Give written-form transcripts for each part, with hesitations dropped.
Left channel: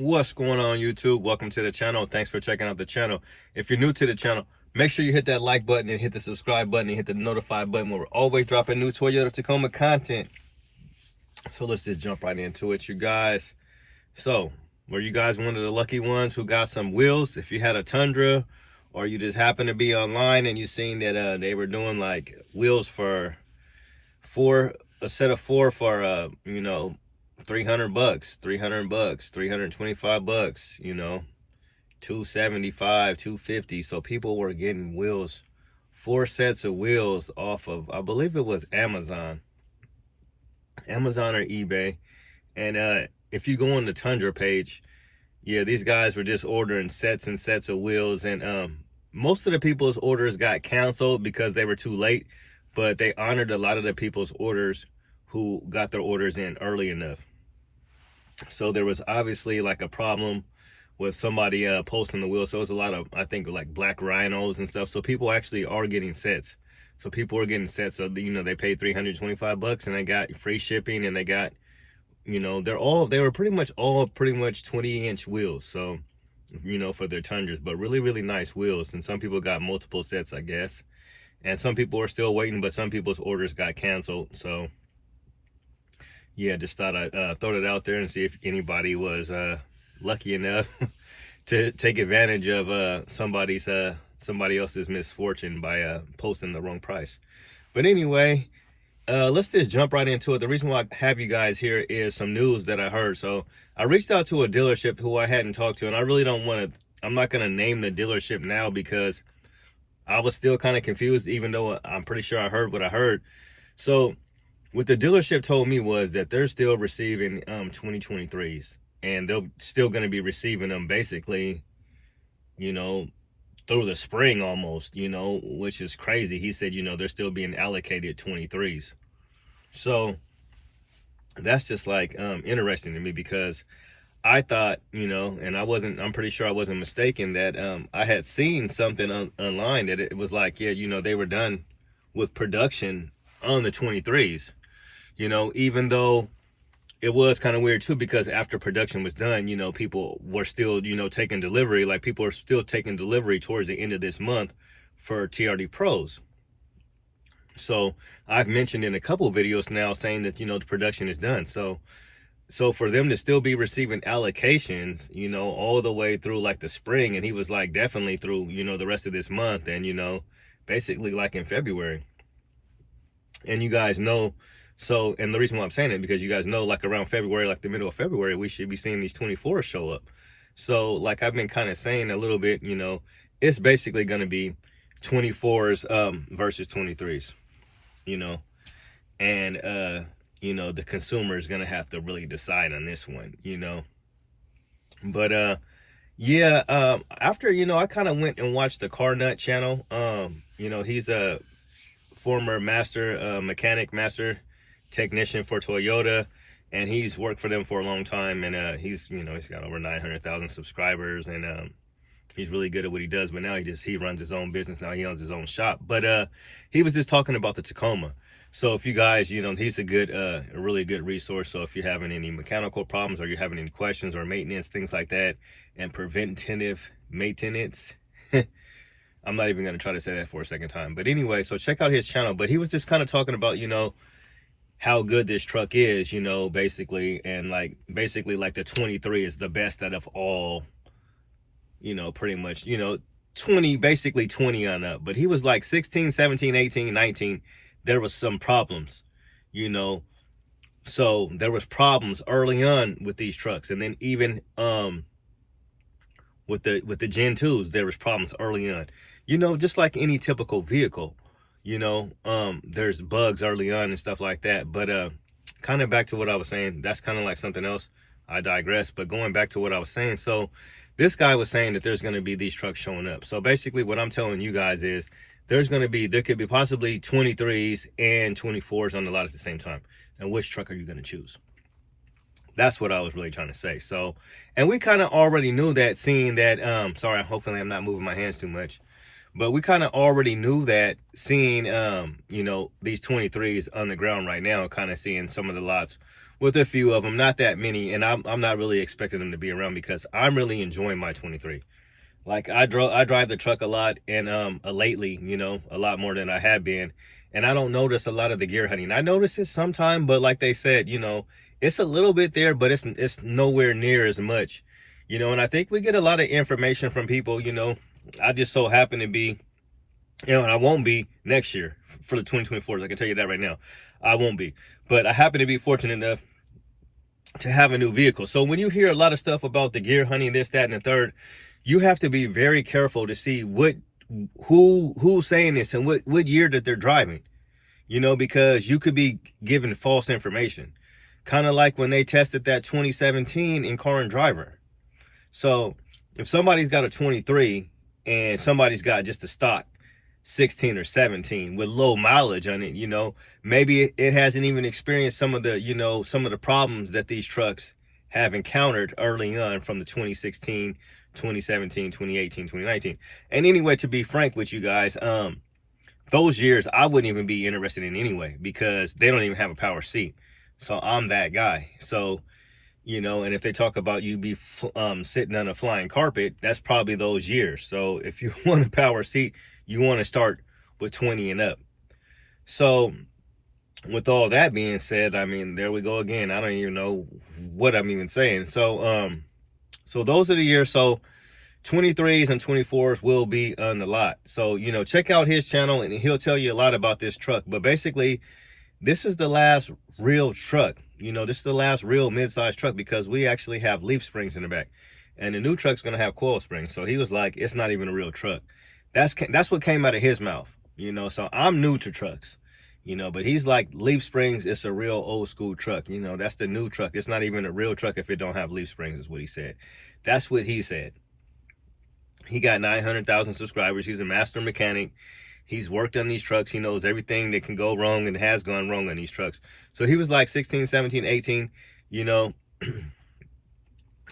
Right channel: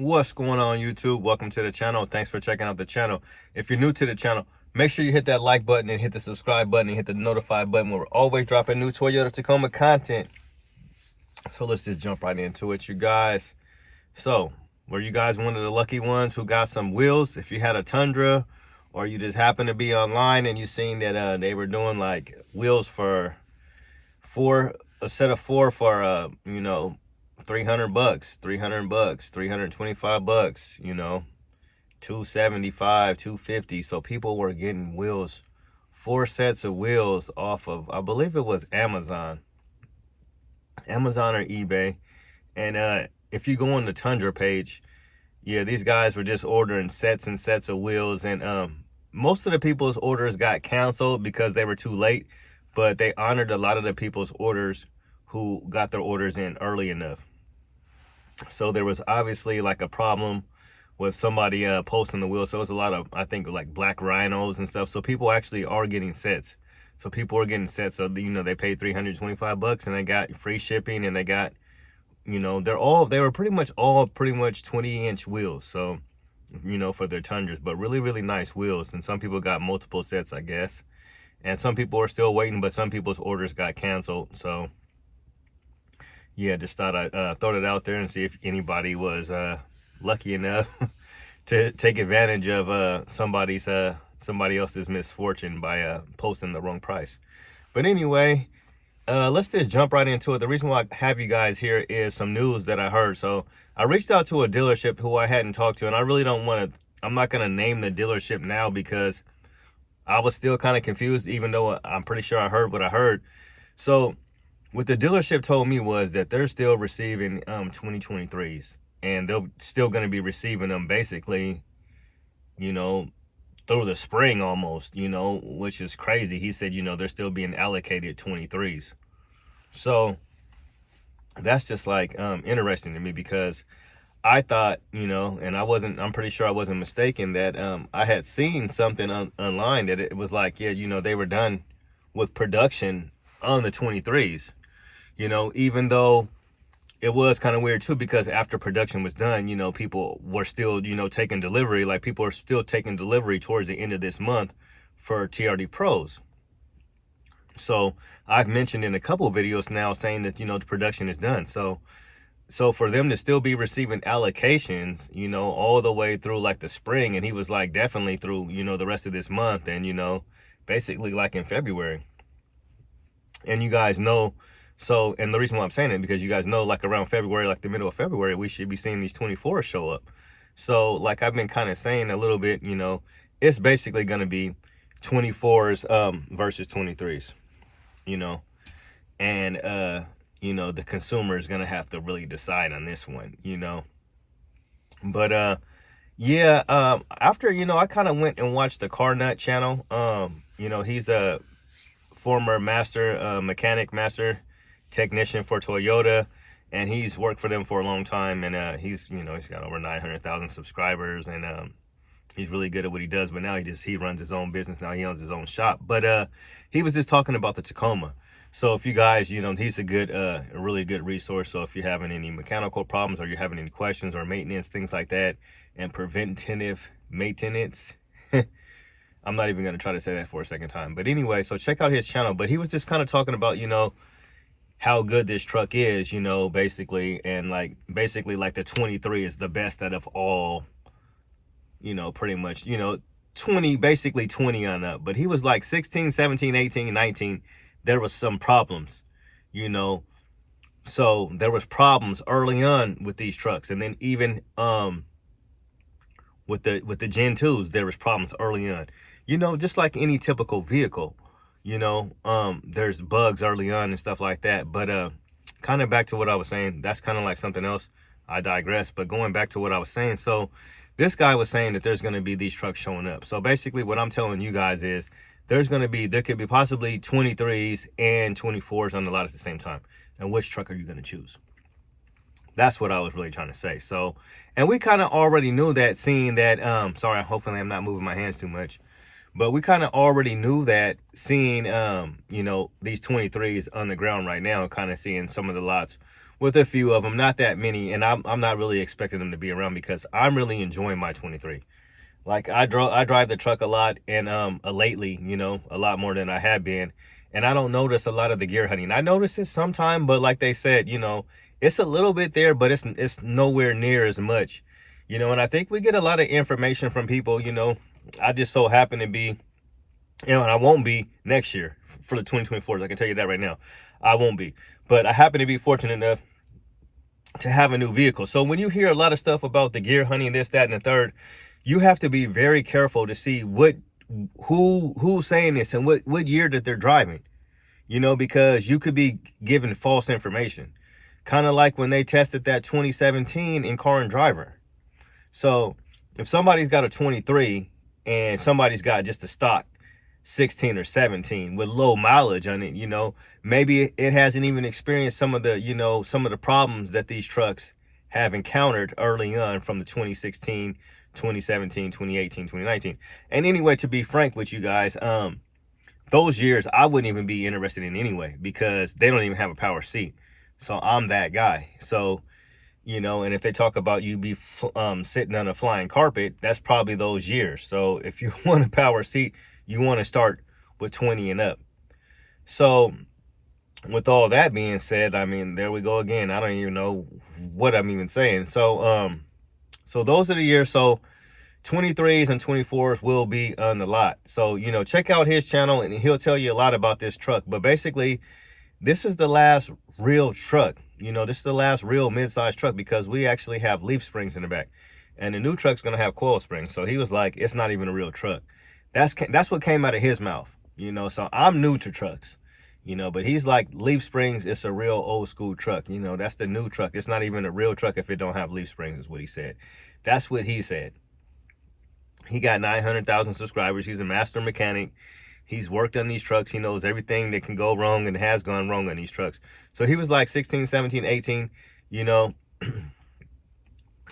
What's going on, YouTube? Welcome to the channel. Thanks for checking out the channel. If you're new to the channel, make sure you hit that like button and hit the subscribe button and hit the notify button. We're always dropping new Toyota Tacoma content. So let's just jump right into it, you guys. So were you guys one of the lucky ones who got some wheels? If you had a Tundra, or you just happened to be online and you seen that they were doing like wheels for a set of four for 300 bucks, 325 bucks, 275, 250. So people were getting wheels, 4 sets of wheels off of, I believe it was Amazon or eBay. And if you go on the Tundra page, yeah, these guys were just ordering sets and sets of wheels. And most of the people's orders got canceled because they were too late, but they honored a lot of the people's orders who got their orders in early enough. So there was obviously like a problem with somebody posting the wheels. So it was a lot of, I think, like black rhinos and stuff. So people actually are getting sets. So people are getting sets. So they paid 325 bucks and they got free shipping, and they got, they were pretty much 20-inch wheels. So, for their Tundras, but really, really nice wheels. And some people got multiple sets, I guess. And some people are still waiting, but some people's orders got canceled. So yeah, just thought I'd throw it out there and see if anybody was lucky enough to take advantage of somebody else's misfortune by posting the wrong price. But anyway, let's just jump right into it. The reason why I have you guys here is some news that I heard. So I reached out to a dealership who I hadn't talked to, and I really don't want to, I'm not going to name the dealership now because I was still kind of confused, even though I'm pretty sure I heard what I heard. So what the dealership told me was that they're still receiving 2023s, and they're still going to be receiving them basically, through the spring almost, which is crazy. He said, they're still being allocated 23s. So that's just like interesting to me, because I thought, and I'm pretty sure I wasn't mistaken, that I had seen something online that it was like, yeah, they were done with production on the 23s. Even though it was kind of weird too, because after production was done, people were still, taking delivery. Like, people are still taking delivery towards the end of this month for TRD Pros. So I've mentioned in a couple of videos now saying that, the production is done. So for them to still be receiving allocations, all the way through like the spring, and he was like definitely through, the rest of this month, and, basically like in February. And you guys know, so, and the reason why I'm saying it, because you guys know, like around February, like the middle of February, we should be seeing these 24s show up. So like I've been kind of saying a little bit, it's basically going to be 24s versus 23s, and the consumer is going to have to really decide on this one, But yeah, after, I kind of went and watched the Car Nut channel. He's a former master technician for Toyota, and he's worked for them for a long time, and he's got over 900,000 subscribers, and he's really good at what he does. But now he runs his own business. Now he owns his own shop. But he was just talking about the Tacoma. So if you guys, he's a really good resource. So if you're having any mechanical problems, or you're having any questions or maintenance, things like that, and preventive maintenance, I'm not even going to try to say that for a second time. But anyway, so check out his channel. But he was just kind of talking about, how good this truck is, basically. And like, basically like the 23 is the best out of all, pretty much, 20, basically 20 on up. But he was like 16, 17, 18, 19. There was some problems, So there was problems early on with these trucks. And then even with the Gen 2s, there was problems early on. Just like any typical vehicle, there's bugs early on and stuff like that. But kind of back to what I was saying, that's kind of like something else. I digress. But going back to what I was saying, so this guy was saying that there's going to be these trucks showing up. So basically what I'm telling you guys is there could be possibly 23s and 24s on the lot at the same time. And which truck are you going to choose? That's what I was really trying to say. So, and we kind of already knew that, seeing that, sorry, hopefully I'm not moving my hands too much. But we kind of already knew that, seeing, these 23s on the ground right now, kind of seeing some of the lots with a few of them, not that many, and I'm not really expecting them to be around because I'm really enjoying my 23. Like I drive the truck a lot, and lately, you know, a lot more than I had been, and I don't notice a lot of the gear hunting. I notice it sometime, but like they said, you know, it's a little bit there, but it's nowhere near as much, you know. And I think we get a lot of information from people, you know. I just so happen to be, you know, and I won't be next year for the 2024s. I can tell you that right now, I won't be. But I happen to be fortunate enough to have a new vehicle. So when you hear a lot of stuff about the gear hunting, this, that, and the third, you have to be very careful to see who's saying this and what year that they're driving, you know, because you could be given false information. Kind of like when they tested that 2017 in Car and Driver. So if somebody's got a 23 and somebody's got just a stock 16 or 17 with low mileage on it, you know, maybe it hasn't even experienced some of the, you know, some of the problems that these trucks have encountered early on from the 2016, 2017, 2018, 2019. And anyway, to be frank with you guys, those years I wouldn't even be interested in anyway, because they don't even have a power seat. So I'm that guy. So, you know, and if they talk about you be sitting on a flying carpet, that's probably those years. So if you want a power seat, you want to start with 20 and up. So with all that being said, I mean, there we go again. I don't even know what I'm even saying. So so those are the years. So 23s and 24s will be on the lot. So, you know, check out his channel and he'll tell you a lot about this truck. But basically, this is the last real truck. You know, this is the last real mid-sized truck, because we actually have leaf springs in the back, and the new truck's gonna have coil springs. So he was like, it's not even a real truck. That's what came out of his mouth, you know. So I'm new to trucks, you know, but he's like, leaf springs, it's a real old school truck, you know. That's the new truck. It's not even a real truck if it don't have leaf springs, is what he said. That's what he said. He got 900,000 subscribers. He's a master mechanic. He's worked on these trucks. He knows everything that can go wrong and has gone wrong on these trucks. So he was like 16, 17, 18, you know,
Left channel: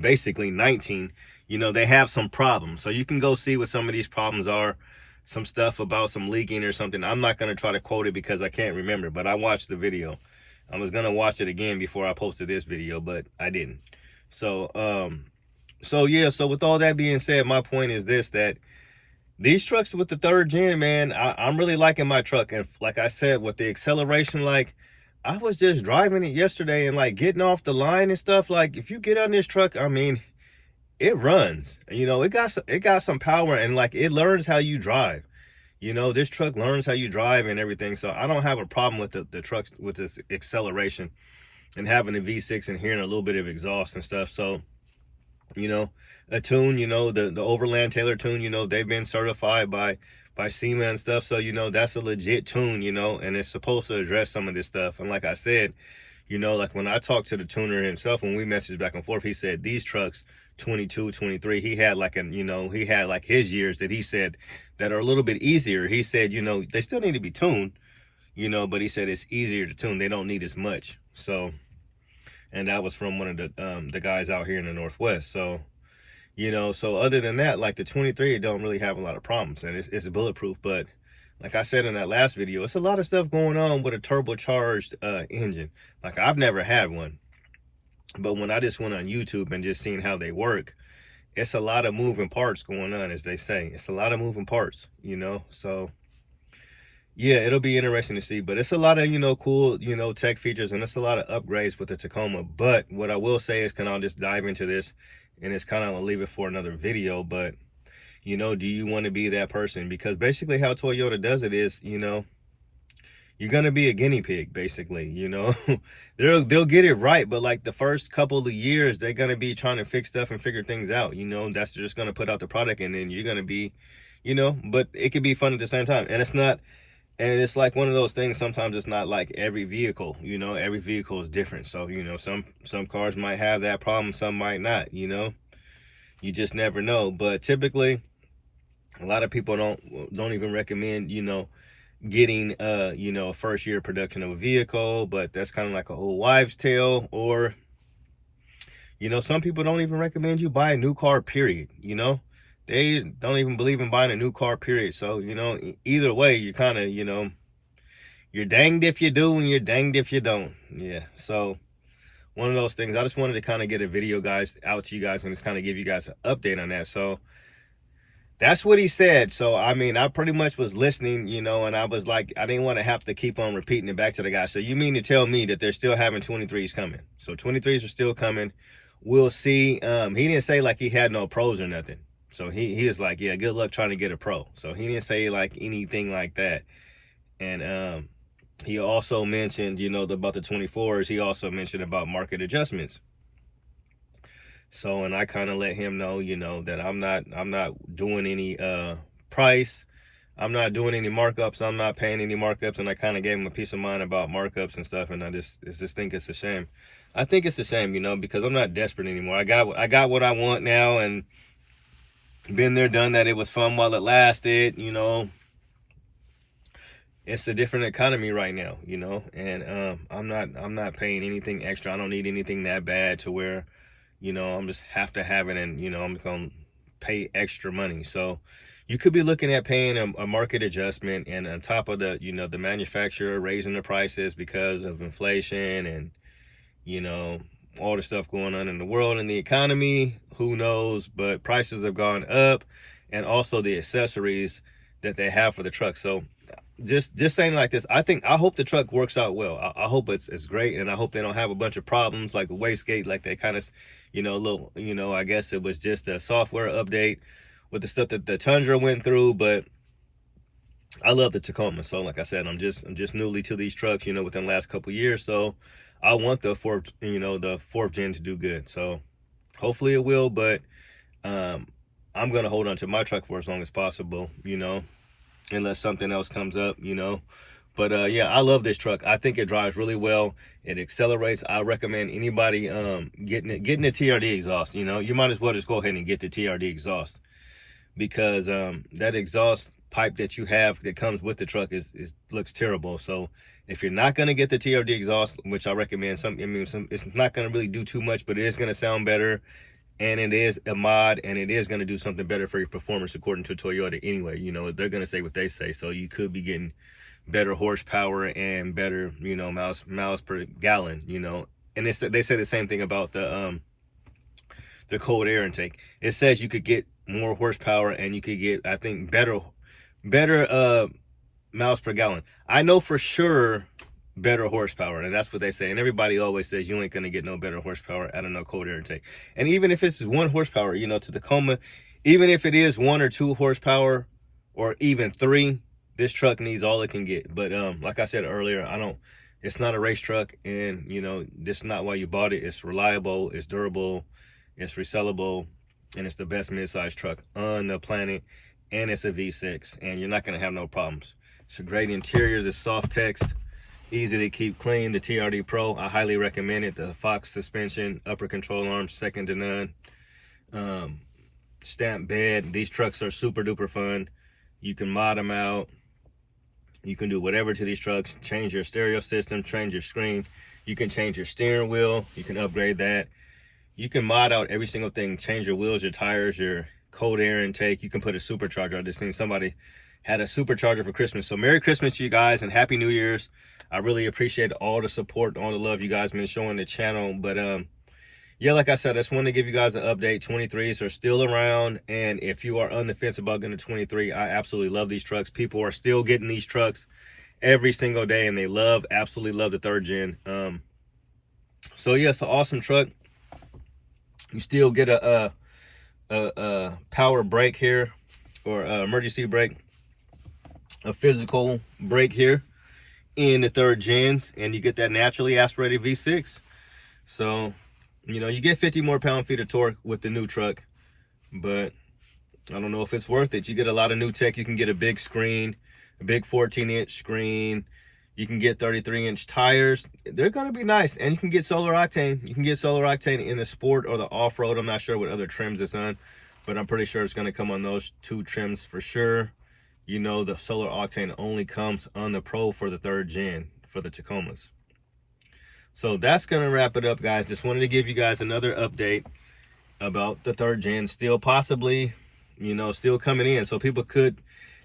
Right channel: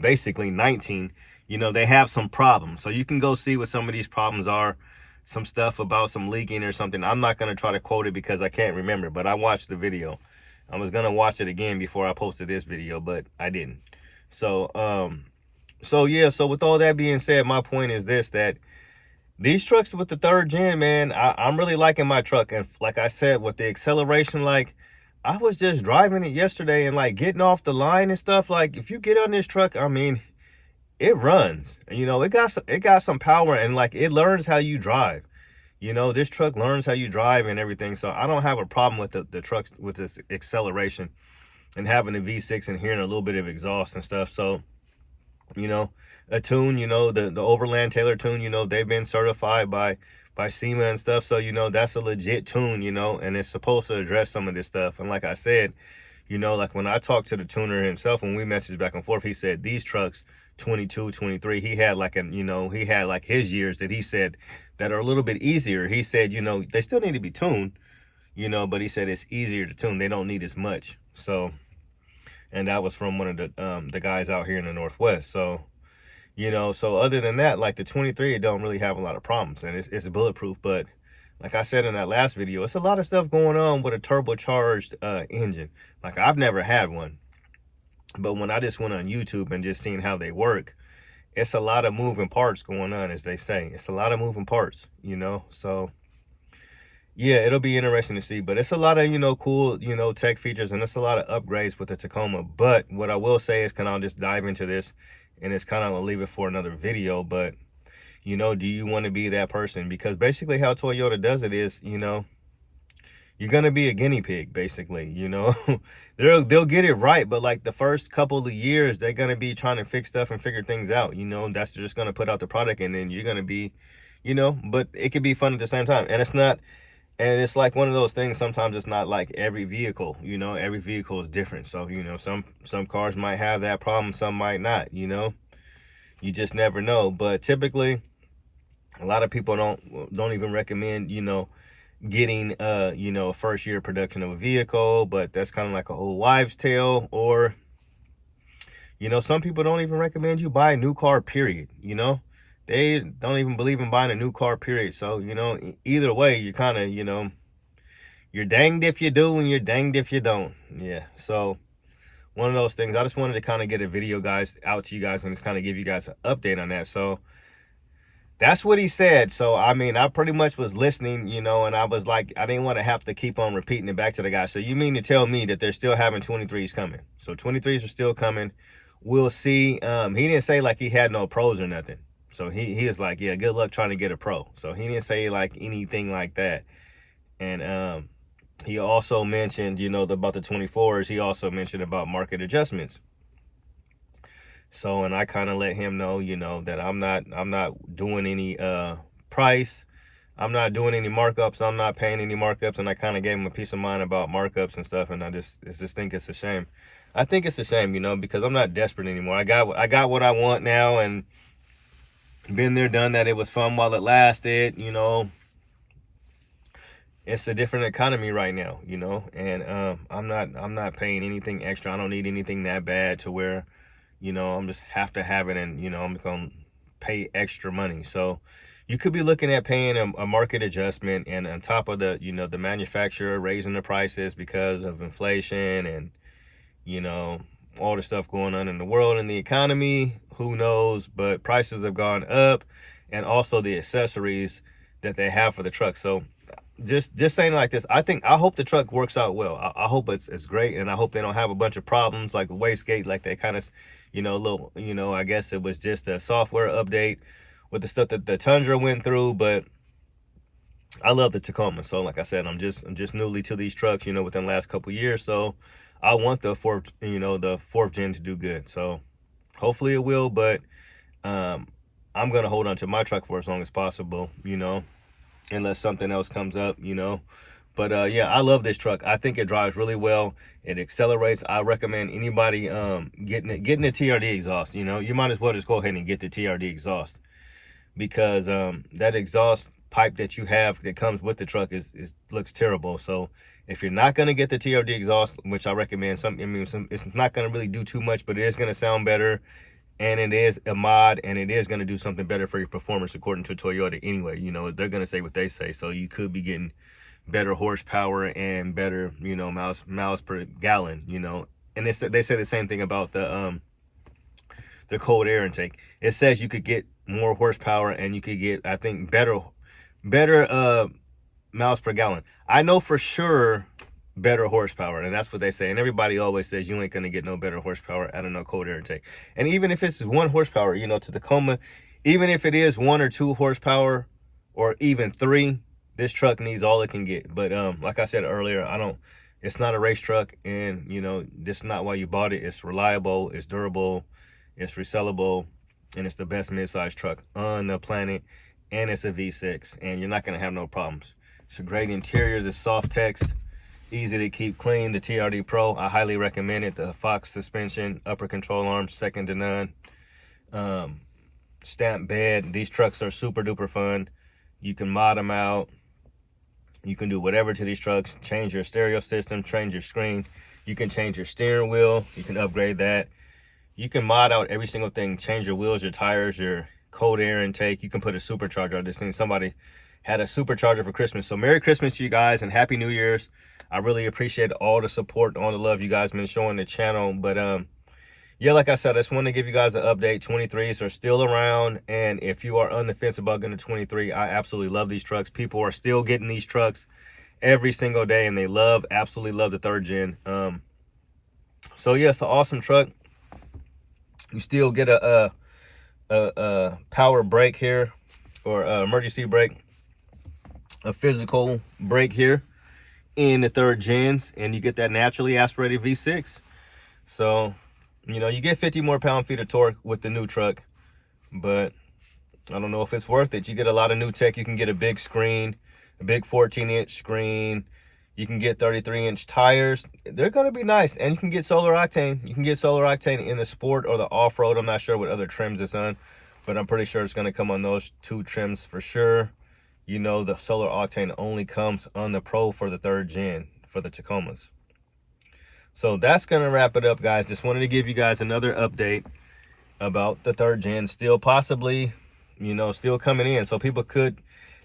basically 19, you know, they have some problems. So you can go see what some of these problems are, some stuff about some leaking or something. I'm not going to try to quote it because I can't remember, but I watched the video. I was going to watch it again before I posted this video, but I didn't. So, so yeah, so with all that being said, my point is this, that these trucks with the 3rd gen, man, I'm really liking my truck. And like I said, with the acceleration, like I was just driving it yesterday and like getting off the line and stuff. Like if you get on this truck, I mean, it runs, you know, it got some power, and like it learns how you drive. You know, this truck learns how you drive and everything. So I don't have a problem with the trucks with this acceleration and having a V6 and hearing a little bit of exhaust and stuff. So, you know, a tune, you know, the Overland Taylor tune, you know, they've been certified by SEMA and stuff. So, you know, that's a legit tune, you know, and it's supposed to address some of this stuff. And like I said, you know, like when I talked to the tuner himself, when we messaged back and forth, he said these trucks, 22, 23, he had like you know, he had like his years that he said that are a little bit easier. He said, you know, they still need to be tuned, you know, but he said it's easier to tune. They don't need as much. So, and that was from one of the guys out here in the Northwest. So, you know, so other than that, like the 23, it don't really have a lot of problems, and it's bulletproof. But like I said in that last video, it's a lot of stuff going on with a turbocharged engine. Like I've never had one, but when I just went on YouTube and just seen how they work, it's a lot of moving parts going on, as they say. It's a lot of moving parts, you know. So yeah, it'll be interesting to see. But it's a lot of, you know, cool, you know, tech features, and it's a lot of upgrades with the Tacoma. But what I will say is, I'll just dive into this, and it's kind of, I'll leave it for another video. But, you know, do you want to be that person? Because basically how Toyota does it is, you know, you're going to be a guinea pig, basically, you know. They'll get it right, but like the first couple of years, they're going to be trying to fix stuff and figure things out, you know. That's just going to put out the product, and then you're going to be, you know, but it could be fun at the same time. And it's not, and it's like one of those things, sometimes it's not like every vehicle, you know, every vehicle is different. So, you know, some cars might have that problem, some might not, you know. You just never know. But typically, a lot of people don't even recommend, you know, getting you know, a first year production of a vehicle. But that's kind of like an old wives' tale. Or, you know, some people don't even recommend you buy a new car, period. You know, they don't even believe in buying a new car, period. So, you know, either way, you're kind of, you know, you're danged if you do and you're danged if you don't. Yeah. So one of those things. I just wanted to kind of get a video, guys, out to you guys and just kind of give you guys an update on that. So that's what he said. So, I mean, I pretty much was listening, you know, and I was like, I didn't want to have to keep on repeating it back to the guy. So you mean to tell me that they're still having 23s coming? So 23s are still coming. We'll see. He didn't say like he had no pros or nothing. So he was like, yeah, good luck trying to get a pro. So he didn't say like anything like that. And he also mentioned, you know, about the 24s. He also mentioned about market adjustments. So, and I kind of let him know, you know, that I'm not doing any price. I'm not doing any markups. I'm not paying any markups. And I kind of gave him a peace of mind about markups and stuff. And I just think it's a shame. I think it's a shame, you know, because I'm not desperate anymore. I got what I want now, and been there, done that. It was fun while it lasted, you know. It's a different economy right now, you know, and I'm not paying anything extra. I don't need anything that bad to where, you know, I'm just have to have it, and, you know, I'm going to pay extra money. So you could be looking at paying a market adjustment, and on top of the, you know, the manufacturer raising the prices because of inflation and, you know, all the stuff going on in the world and the economy, who knows, but prices have gone up, and also the accessories that they have for the truck. So just saying like this, I hope the truck works out well. I hope it's great, and I hope they don't have a bunch of problems like the wastegate, like they kind of, you know, little, you know, I guess it was just a software update with the stuff that the Tundra went through. But I love the Tacoma. So like I said, I'm just newly to these trucks, you know, within the last couple of years. So I want the fourth gen to do good. So hopefully it will, but I'm gonna hold on to my truck for as long as possible, you know, unless something else comes up, you know. But yeah, I love this truck. I think it drives really well. It accelerates. I recommend anybody getting the TRD exhaust. You know, you might as well just go ahead and get the TRD exhaust, because that exhaust pipe that you have that comes with the truck is looks terrible. So if you're not gonna get the TRD exhaust, which I recommend, it's not gonna really do too much, but it is gonna sound better, and it is a mod, and it is gonna do something better for your performance according to Toyota anyway. You know, they're gonna say what they say, so you could be getting better horsepower and better, you know, miles per gallon, you know. And they say the same thing about the cold air intake. It says you could get more horsepower, and you could get, I think, better miles per gallon. I know for sure better horsepower, and that's what they say. And everybody always says you ain't gonna get no better horsepower out of no cold air intake. And even if it's 1 horsepower, you know, to Tacoma, even if it is 1 or 2 horsepower or even 3, this truck needs all it can get. But like I said earlier, it's not a race truck, and, you know, this is not why you bought it. It's reliable, it's durable, it's resellable, and it's the best mid-size truck on the planet. And it's a V6, and you're not gonna have no problems. It's a great interior. The soft text, easy to keep clean. The TRD Pro, I highly recommend it. The Fox suspension, upper control arm, second to none. Stamp bed. These trucks are super duper fun. You can mod them out. You can do whatever to these trucks. Change your stereo system, change your screen. You can change your steering wheel. You can upgrade that. You can mod out every single thing. Change your wheels, your tires, your cold air intake. You can put a supercharger. I just seen somebody had a supercharger for Christmas. So Merry Christmas to you guys, and Happy New Year's. I really appreciate all the support, all the love you guys been showing the channel. But yeah, like I said, I just want to give you guys an update. 23s are still around, and if you are on the fence about getting a 23, I absolutely love these trucks. People are still getting these trucks every single day, and they absolutely love the 3rd gen. So yeah, it's an awesome truck. You still get a power brake here, or emergency brake, a physical brake here in the 3rd gens, and you get that naturally aspirated V6. So, you know, you get 50 more pound-feet of torque with the new truck, but I don't know if it's worth it. You get a lot of new tech. You can get a big screen, a big 14-inch screen. You can get 33-inch tires. They're going to be nice. And you can get solar octane. You can get solar octane in the sport or the off-road. I'm not sure what other trims it's on, but I'm pretty sure it's going to come on those 2 trims for sure. You know, the solar octane only comes on the Pro for the 3rd gen for the Tacomas. So that's going to wrap it up, guys. Just wanted to give you guys another update about the 3rd gen still possibly, you know, still coming in. So people could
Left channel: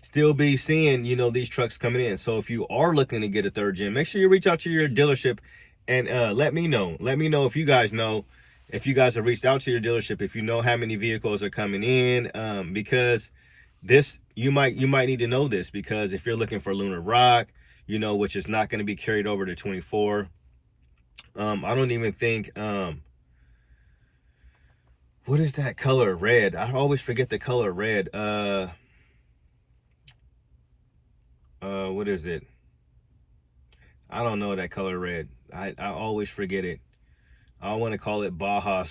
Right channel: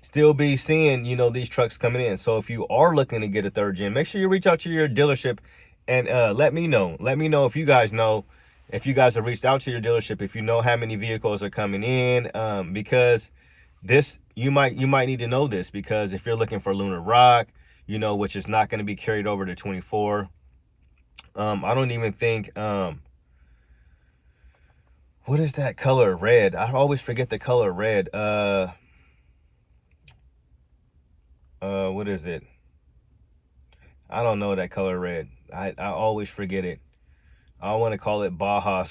still be seeing, you know, these trucks coming in. So if you are looking to get a 3rd gen, make sure you reach out to your dealership and let me know. Let me know if you guys know, if you guys have reached out to your dealership, if you know how many vehicles are coming in, because this, you might need to know this, because if you're looking for Lunar Rock, you know, which is not going to be carried over to 24. I don't even think, what is that color? Red. I always forget the color red. What is it? I don't know that color red. I always forget it. I want to call it Baja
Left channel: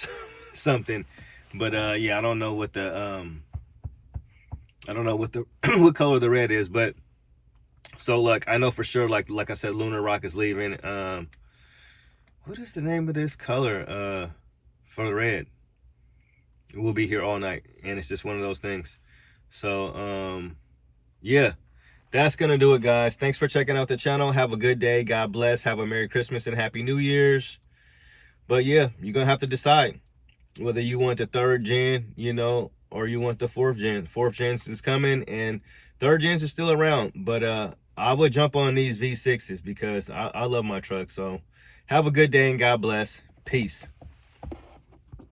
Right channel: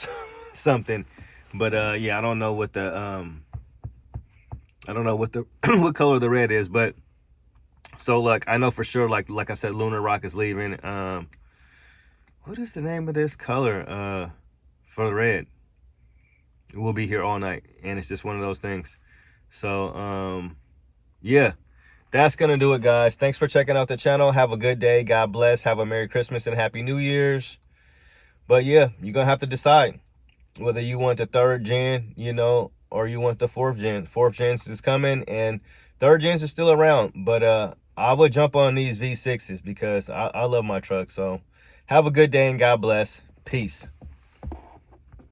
something, but yeah, I don't know what the what color the red is. But so look, I know for sure, like I said, Lunar Rock is leaving. What is the name of this color for the red? We'll be here all night, and it's just one of those things. So yeah, that's gonna do it, guys. Thanks for checking out the channel. Have a good day. God bless. Have a Merry Christmas and Happy New Year's. But yeah, you're gonna have to decide whether you want the 3rd gen, you know, or you want the 4th gen. 4th gen is coming, and 3rd gens is still around. But I would jump on these V6s because I love my truck. So have a good day and God bless. Peace.